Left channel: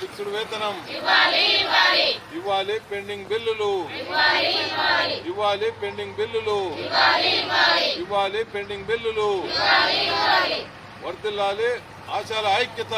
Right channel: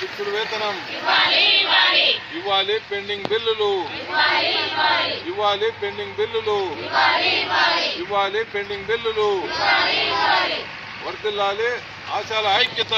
Fixed వేతనం ఇవ్వాలి, pending బిల్లులు ఇవ్వాలి, పెండింగ్ బిల్లులు ఇవ్వాలి, పెండింగ్ బిల్లులు వర్ధిల్లాలి ఆశాల ఐక్యత.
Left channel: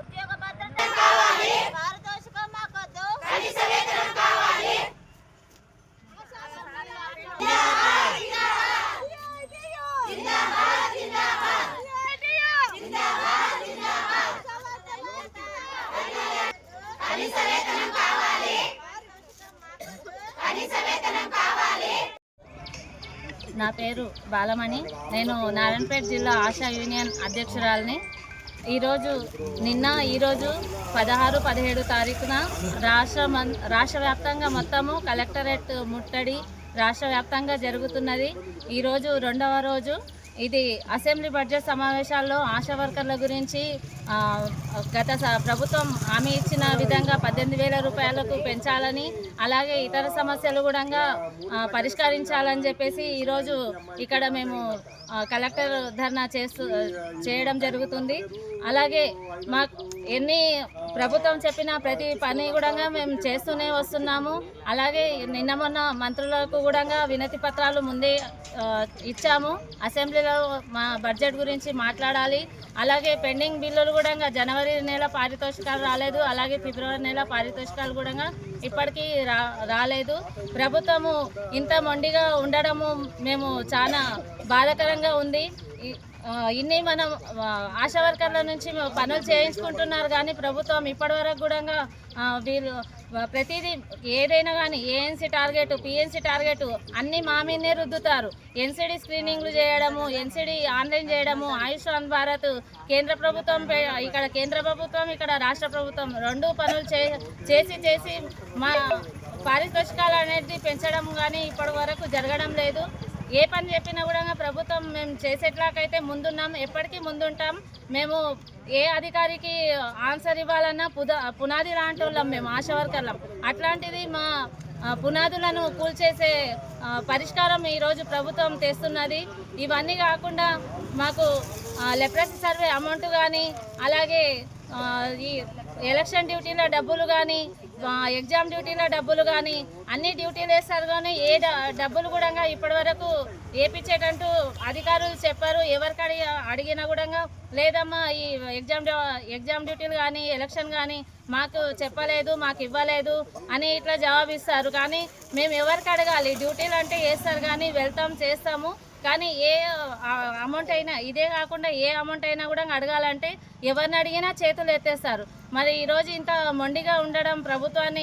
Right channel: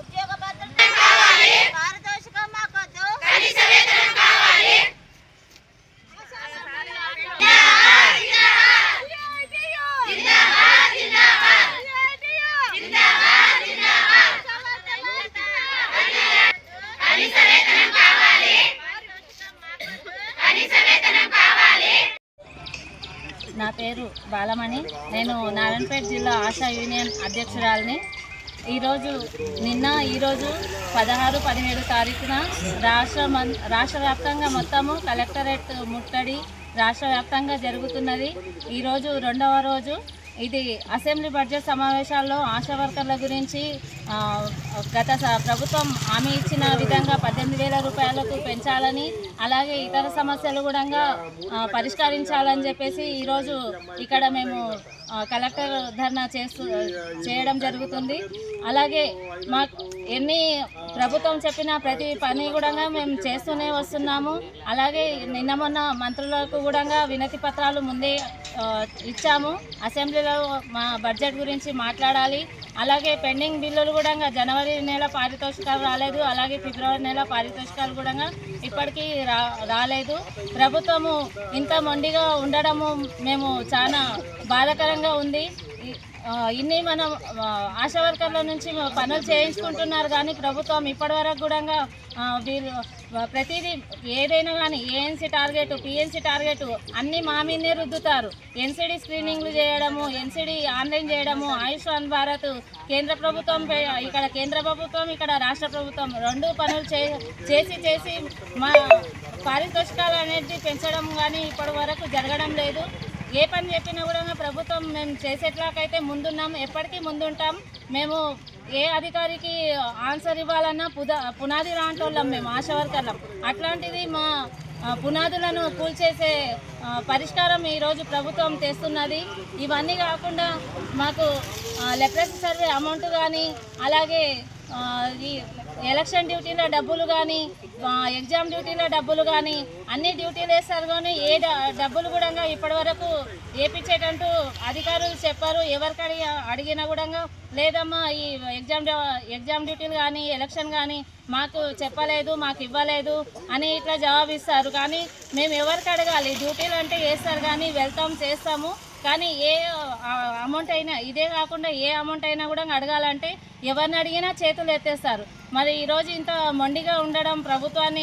ఉద్యోగ భద్రత కావాలి, పారితోషికం మాకొద్దు, కనీస వేతనం కావాలి. నా పేరు బాలమణి. నేను నారాయణపేట జిల్లా ఆశా యూనియన్ అధ్యక్షురాలిని. ఈరోజు 16, 17 తారీఖున రాష్ట్ర వ్యాప్తంగా మొత్తము కలెక్టరేట్ ముట్టడి రాష్ట్ర వ్యాప్తంగా జరుగుతున్నది. ఈరోజు 2వ రోజు. ఇది అసెంబ్లీ బడ్జెట్ సమావేశాల్లో ఆశా వర్కర్ల గురించి గత ప్రభుత్వం హామీ ఇచ్చిన విధంగా 18,000 రూపాయలకు పెంచాలని, అలాగే ఇతర సమస్యలు కూడా పరిష్కరించాలని చెప్పేసి ఈరోజు ఇక్కడ మేము కలెక్టర్ ధర్నా చేయడం జరుగుతుంది. అలాగే ప్రభుత్వం చెప్పిన ప్రతి పని కూడా మేము చేస్తూనే వస్తున్నాము. అలాగే నిన్న మొన్న మంత్రులకు కూడా వినతి పత్రాలు ముందే ఇచ్చాము. అసెంబ్లీలో మా బడ్జెట్ గురించి మాట్లాడాలి. అలాగే పెండింగ్ బిల్లులు కూడా జనవరి నెల పారితోషికాలు రాలేదు, అలాగే ఫిబ్రవరి నెల పారితోషికాలు కూడా ఇప్పటికీ రాలేదు. ప్రభుత్వము ఇంత మొండిగా ఉండడము మేము చాలా బాధాకరంగా ఉంది. ఇన్ని మనం ఆశా వర్కర్ల నుంచి పనులు చేయించుకుంటున్నారు, కానీ ప్రభుత్వం ఇప్పటివరకు కూడా వీళ్ళు ప్రతిదీ ఏదైనా కానీ ఏఎన్సీ టార్గెట్, పిఎన్సీ టార్గెట్ అన్నీ మా మీదనే రుద్దుతారు. ఎన్సీడీ స్క్రీనింగ్లు చేయడము, ఎన్సీడీ ఆన్లైన్ చేయడము, ఆయుష్మాన్ భారత్ కేంద్ర ప్రభుత్వం ఇక్కడ రాష్ట్ర ప్రభుత్వం 2 పనులు చేసి మా పారితోషికాలు అనేది పెంచడం కానీ ఇప్పటి వరకు జరగడం లేదు. ఏ పని చెప్పినా కూడా ప్రభుత్వం మేము చేసేట్లాకైతే ముందున్నాం, ఎప్పటికీ ముందుంటాం. మేము ఏ అధికారికి ఆన్సర్ ఇవ్వాలన్నా పునాది లాంటి వాళ్ళం మేము ఆశా వర్కర్లం. అట్లాంటిది మా పునాదులను కూల్చేసే పరిష్కారం ఈరోజు ప్రభుత్వం తెస్తున్నది. ఇవన్నీ కాకుండా మాకు లెప్రసీ సర్వే అమౌంట్ కానీ, అలాగే ఈ ఎలక్షన్ డ్యూటీల డబ్బులు కానీ, ఎగ్జామ్ డ్యూటీల డబ్బులు కానీ అన్ని డ్యూటీలు వేస్తారు, కానీ ఏ డబ్బులు కూడా ఇప్పటివరకు వేయించేటంటూ అధికారులు చెప్పారు. ఎవరికి అడిగినా కూడా లేదమ్మా ఈ ఎగ్జామ్ డ్యూటీలు కానీ ఎలక్షన్ కానీ మాకు చెప్పలేదు, మాకు ఇవ్వలేదు అని ఇట్లా జవాబిస్తారు. కానీ మేము ఎవరికి అడగాలి? డ్యూటీలు అంటే వేస్తారు కానీ వెళ్తాం, చేస్తాము. కానీ ఏ అమౌంట్ అయినా, ఇదే కాకుండా ఏ అమౌంట్ అయినా కూడా అడగాలంటే ఎవరిని అడిగినా చేతులు ఎత్తేస్తారు. మరి ఈరోజు ఇంత మొండిగా ఉండడం ప్రభుత్వాన్ని